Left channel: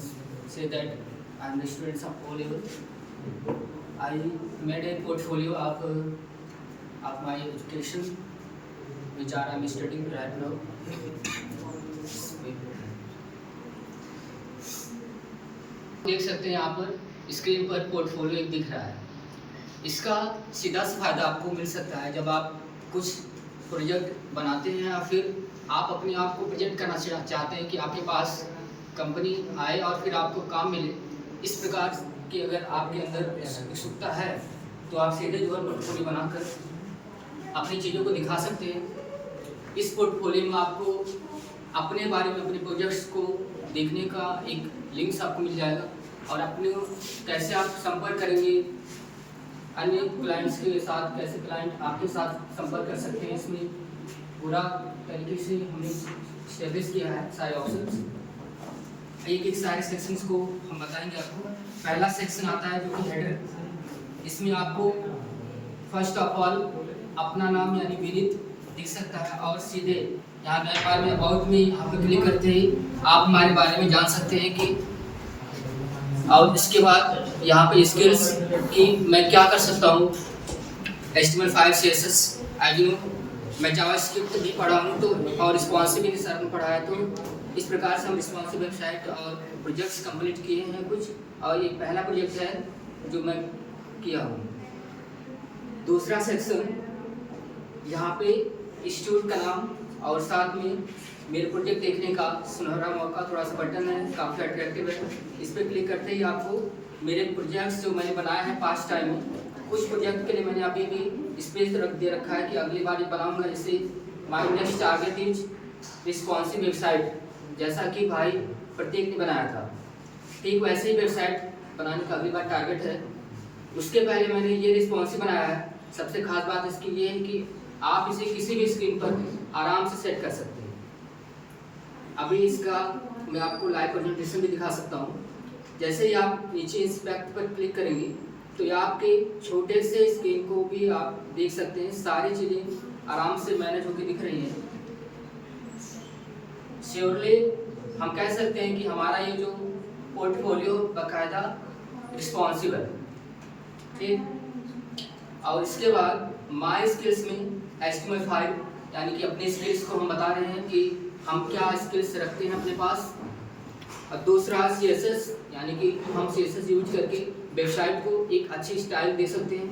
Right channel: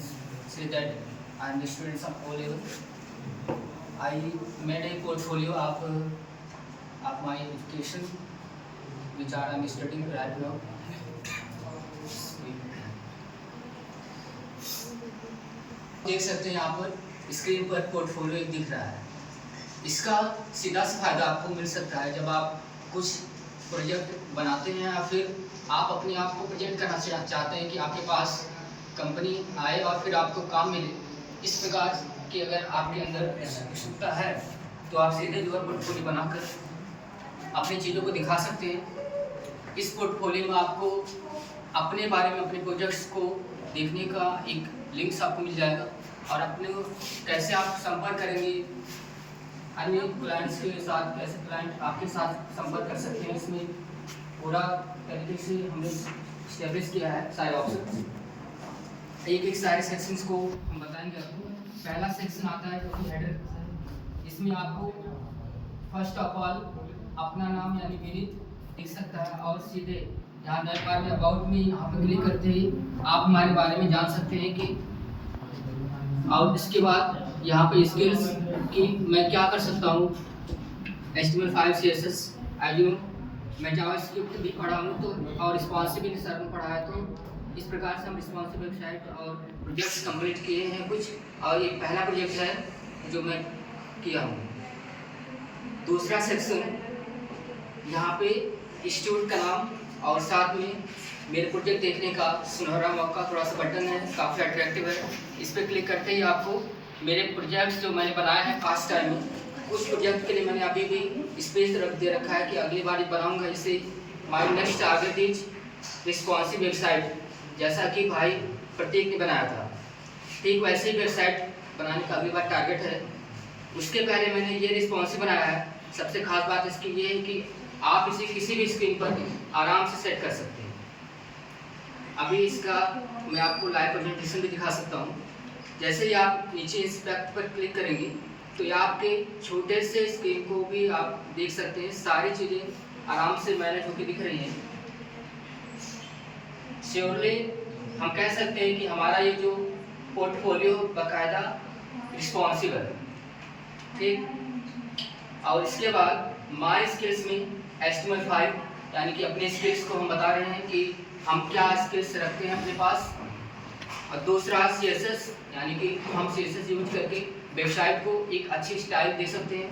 say that I am the students of O level. I made a portfolio of my education, which I am studying right now. देख सकते हैं यहाँ पर screen पर portfolio एक दिख रहा है। इसका सीधा सा फायदा आपको मिल सकता है जब आप कुछ प्रोजेक्ट बनाते हैं या फिर आप अपने आप को प्रेजेंट करना चाहते हैं कि आपके पास कंपनी आए और फिर आपको काम मिले। इस प्रकार की अगर आपके अंदर उत्सुकता है तो आप सीधे जो है पोर्टफोलियो बनाकर अपनी चीज़ों को दिखा सकते हैं। इस पोर्टफोलियो में आपको अपने बारे में अपने प्रोजेक्ट्स को देखने का एक लिंक्स आपको मिल जाएगा और अपने कैसे आप संपर्क करेंगे अन्य क्लाइंट्स के साथ, कैसे क्लाइंट आपके साथ संपर्क कर सकते हैं। इसमें पूरा तरीके से हमने स्टेब्लिश किया है सारे ऑप्शंस। एक एक सारे सेक्शंस को हम बताएंगे आपको। पहला सेक्शन आता है जो कि हेडर। इसमें आपको फर्स्ट ऑफ ऑल अपना नाम यानी विदित दिख सकता है और सीधे यहाँ व्यापार में अबाउट में यहाँ पर क्लिक करते ही आप हमारे बारे में जान सकते हैं कि और इसके बाद यहाँ पे स्किल्स की मैं क्या कर सकता हूँ। HTML5 CSS as you know मैं जावास्क्रिप्ट भी पढ़ा हूँ तो और रिस्पॉन्सिव भी सर ने पढ़ा है। तो इस प्रकार से हम रिस्पॉन्सिव वेबसाइट और प्रोजेक्ट्स कंप्लीट किए हैं कुछ, और ये पहला प्रोजेक्ट है जो मैं किया हूँ। दूसरा सेक्शन यहाँ पे इंस्टीट्यूट का नाम और साथ में मेरे प्रोजेक्ट देखने का सुनहरा मौका थोड़ा सा बटन है, काफ़ी अट्रैक्टिव है। इस पर क्लिक करते ही आपको मेरे प्रोजेक्ट्स जो मैंने बनाए हैं पास्ट टाइम में, कुछ प्रोजेक्ट के लिए मैंने अभी भी स्पेस दे रखा है कि अगली बार बनाऊंगा। जैसे my next target is responsive website, जैसा कि भाई प्रत्येक ने बनाया था, ठीक वैसे ही वेबसाइट बनाने का अगली बार टारगेट है। उसके पहले मैंने ये रिस्पॉन्सिव बनाया है। सबसे खास बात इसकी ये है कि आप इसे किसी भी स्क्रीन पर आराम से सेट कर सकते हैं। अभी इसका मैं आपको लाइव प्रेजेंटेशन भी दिखा सकता हूँ। जैसे ही आप नीचे इंस्पेक्ट पर क्लिक करेंगे तो ये आपके छोटे से स्क्रीन को भी आप देख सकते हैं। सारी चीज़ें आराम से मैनेज होकर दिख रही हैं। श्योरली हम कह सकते हैं कि हमारा ये जो पोर्टफोलियो बाकायदा रिस्पॉन्सिव है, ठीक। और इसके बाद माय स्किल्स में HTML5 यानी कि अपने स्किल्स को हम बता रहे हैं कि हम क्या स्किल्स रखते हैं अपने पास। और दूसरा CSS यानी कि हम CSS यूज करके वेबसाइट को एक अच्छी स्टाइल दे सकते हैं।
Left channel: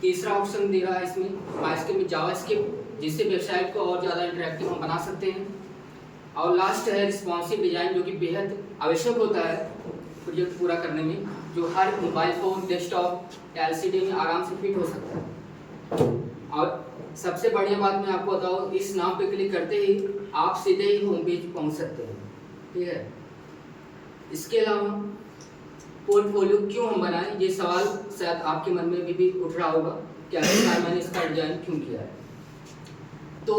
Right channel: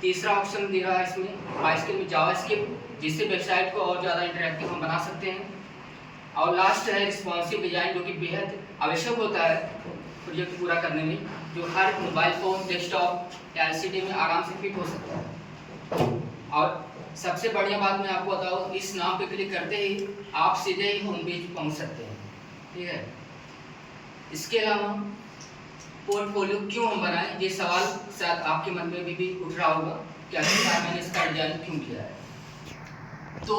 तीसरा ऑप्शन दे रहा है इसमें माय स्किल में जावास्क्रिप्ट, जिससे वेबसाइट को और ज़्यादा इंटरेक्टिव हम बना सकते हैं। और लास्ट है रिस्पॉन्सिव डिजाइन, जो कि बेहद आवश्यक होता है प्रोजेक्ट पूरा करने में, जो हर मोबाइल फोन, डेस्कटॉप या LCD में आराम से फिट हो सकता है। और सबसे बढ़िया बात मैं आपको बताऊँ, इस नाम पे क्लिक करते ही आप सीधे ही होम पेज पहुँच सकते हैं, ठीक है। इसके अलावा पोर्टफोलियो क्यों हम बनाएं, ये सवाल शायद आपके मन में भी उठ रहा होगा कि आखिरकार मैंने इसका डिजाइन क्यों किया है। तो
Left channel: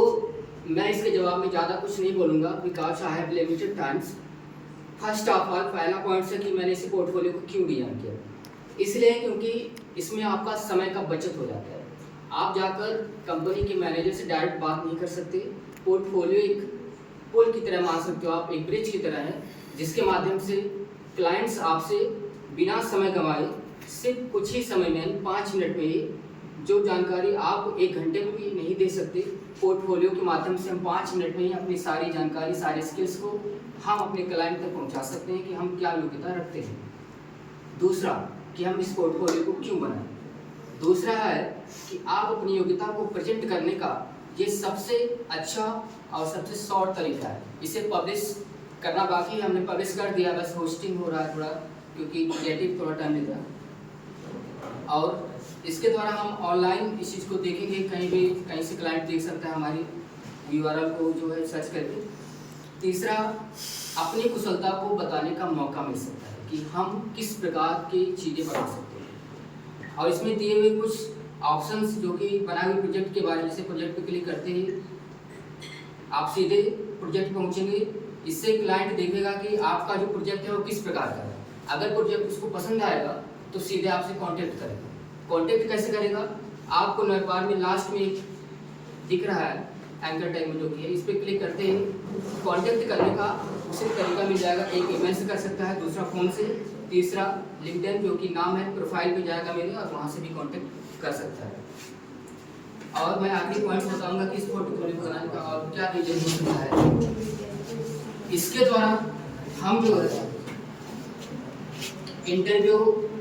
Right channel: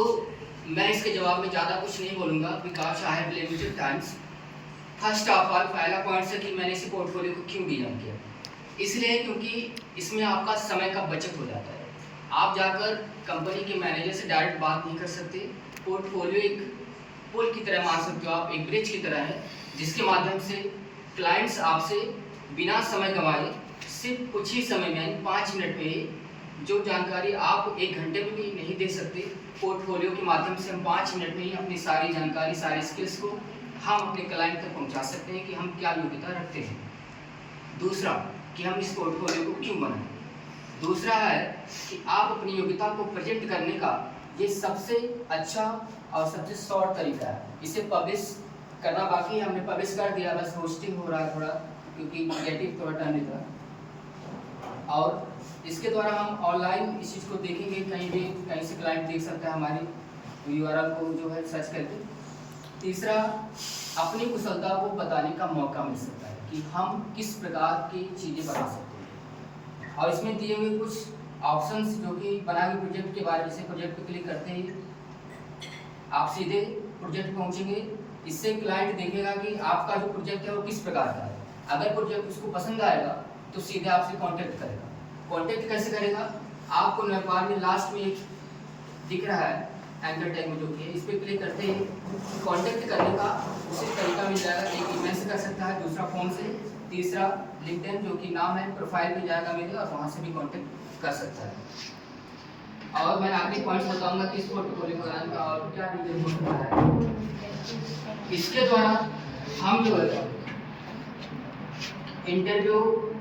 मैं इसके जवाब में ज़्यादा कुछ नहीं बोलूँगा, because I have limited times. First of all पहला पॉइंट है कि मैंने इस पोर्टफोलियो को क्यों डिजाइन किया, इसलिए क्योंकि इसमें आपका समय का बचत हो जाता है। आप जाकर कंपनी के मैनेजर से डायरेक्ट बात नहीं कर सकते। पोर्टफोलियो एक पुल की तरह मान सकते हो आप, एक ब्रिज की तरह है, जिसके माध्यम से क्लाइंट्स आपसे बिना समय गंवाए सिर्फ कुछ ही समय में यानी 5 मिनट में ही जो जानकारी आप 1 घंटे में भी नहीं दे सकते, पोर्टफोलियो के माध्यम से हम 5 मिनट में ही अपनी सारी जानकारी, सारे स्किल्स को हम अपने क्लाइंट तक पहुंचा सकते हैं कि हम क्या योग्यता रखते हैं। दूसरा कि हम इस पोर्टफोलियो को क्यों बनाएं। दूसरा है कि आप अपनी योग्यता को प्रेजेंट करने का ये सबसे अच्छा और सबसे शॉर्ट तरीका है। इसे पब्लिश करना बाकी है, हमने पब्लिश कर दिया, बस होस्टिंग हो रहा है थोड़ा, क्योंकि क्रिएटिव थोड़ा टाइम लेता है। और इसके द्वारा हम ऑनलाइन इस चीज़ को देखेंगे, कहीं से क्लाइंट देख सकता है हमारी URL को जो है सर्च करके। तीसरा, अपनी कुशलता को बताने का मौका मिल सकता है कि हम किस प्रकार की चीज़ें बना सकते हैं। और इसमें दिए हुए कुछ ऑप्शंस जो कि बनाए हुए प्रोजेक्ट के बारे में, जैसे प्रोजेक्ट पे क्लिक करते ही आप सीधे प्रोजेक्ट पहुंचेंगे। इससे क्लाइंट देखेगा कि आपका जो प्रोजेक्ट है वो किस प्रकार का है। अगर प्रोजेक्ट उसको पसंद आएगा तो सीधे आपसे कांटेक्ट करेगा। कांटेक्ट कैसे करेगा, आपको व्यापार में लास्ट में एक दिख रहा है एंकर टैग में जो कि है, इस पर क्लिक करते ही कांटेक्ट करने का उसी तरीका मिल जाएगा। एक ईमेल से कर सकता है, दूसरा फ़ोन से, तीसरा लिंक्डइन जो कि नाम है प्रोफाइल पे जाएगा मेरे और वहाँ से भी कांटेक्ट कर सकता है। और मैं आखिरी पॉइंट्स बताऊंगा कि इस पोर्टफोलियो बनाने का और क्या डिटेल हो सकता है। इसके द्वारा हम जो है इंटरव्यू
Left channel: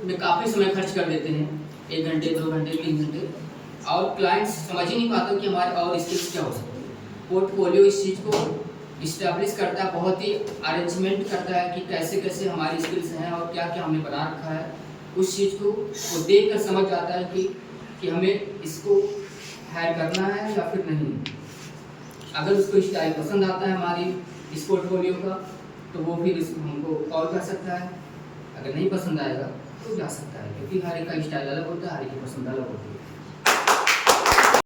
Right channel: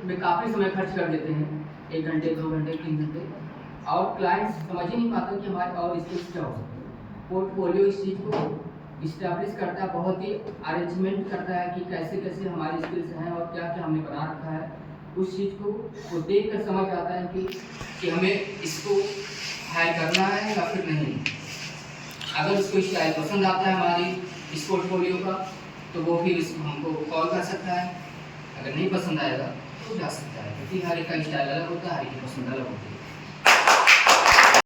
में काफ़ी समय खर्च कर देते हैं, 1 घंटे 2 घंटे 3 घंटे, और क्लाइंट्स समझ ही नहीं पाते कि हमारे और स्किल्स क्या हो सकते हैं। पोर्टफोलियो इस चीज़ को इस्टेब्लिश करता है, बहुत ही अरेंजमेंट करता है कि कैसे कैसे हमारी स्किल्स हैं और क्या क्या हमने बना रखा है। उस चीज़ को वो देख कर समझ आता है कि हमें इसको हायर करना है या फिर नहीं। अगर उसको स्टाइल पसंद आता है हमारी इस पोर्टफोलियो का, तो वो फिर हमको कॉल कर सकता है। अगर नहीं पसंद आएगा तो जा सकता है, क्योंकि हर एक का स्टाइल अलग होता है, हर एक की पसंद अलग होती है।